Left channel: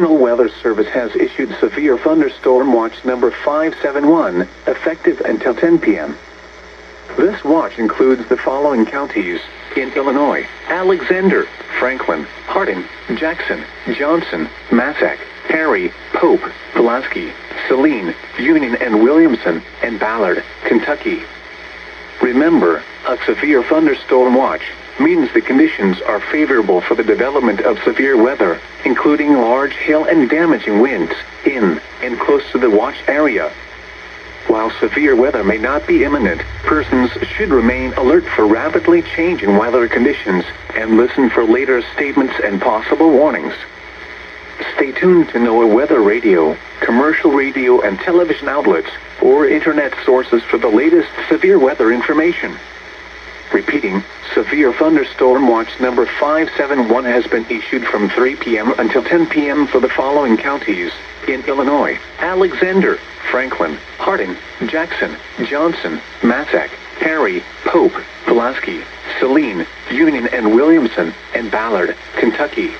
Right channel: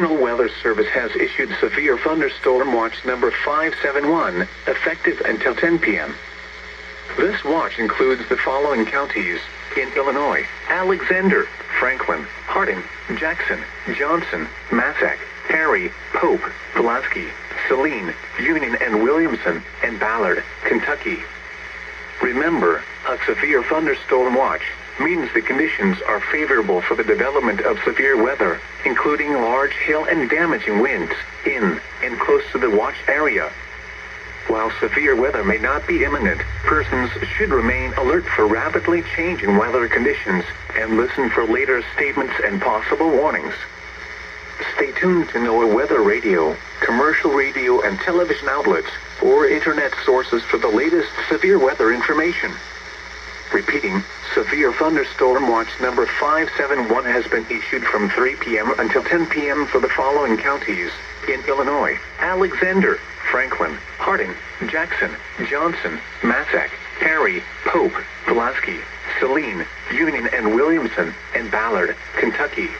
National Weather Service has issued Severe Thunderstorm Watch number 571, effective until 10 p.m. This watch includes the following counties in Illinois: Alexander, Franklin, Harding, Jackson, Johnson, Massac, Perry, Pope, Pulaski, Saline, Union and Williamson, and Ballard, Kentucky. Remember, a severe thunderstorm watch means the conditions are favorable for the development of severe weather, including large hail and damaging winds, in and close to the watch area. While severe weather may not be imminent, persons should remain alert for rapidly changing weather conditions and listen for later statements and possible warnings. Stay tuned to NOAA weather radio, commercial radio and television outlets, or internet sources for the latest severe weather information. Repeating, Severe Thunderstorm Watch number 571 has been issued from 3 p.m. until 10 p.m. for the following counties in Illinois: Alexander, Franklin, Harding, Jackson, Johnson, Massac, Perry, Pope, Pulaski, Saline, Union and Williamson, and Ballard, Kentucky.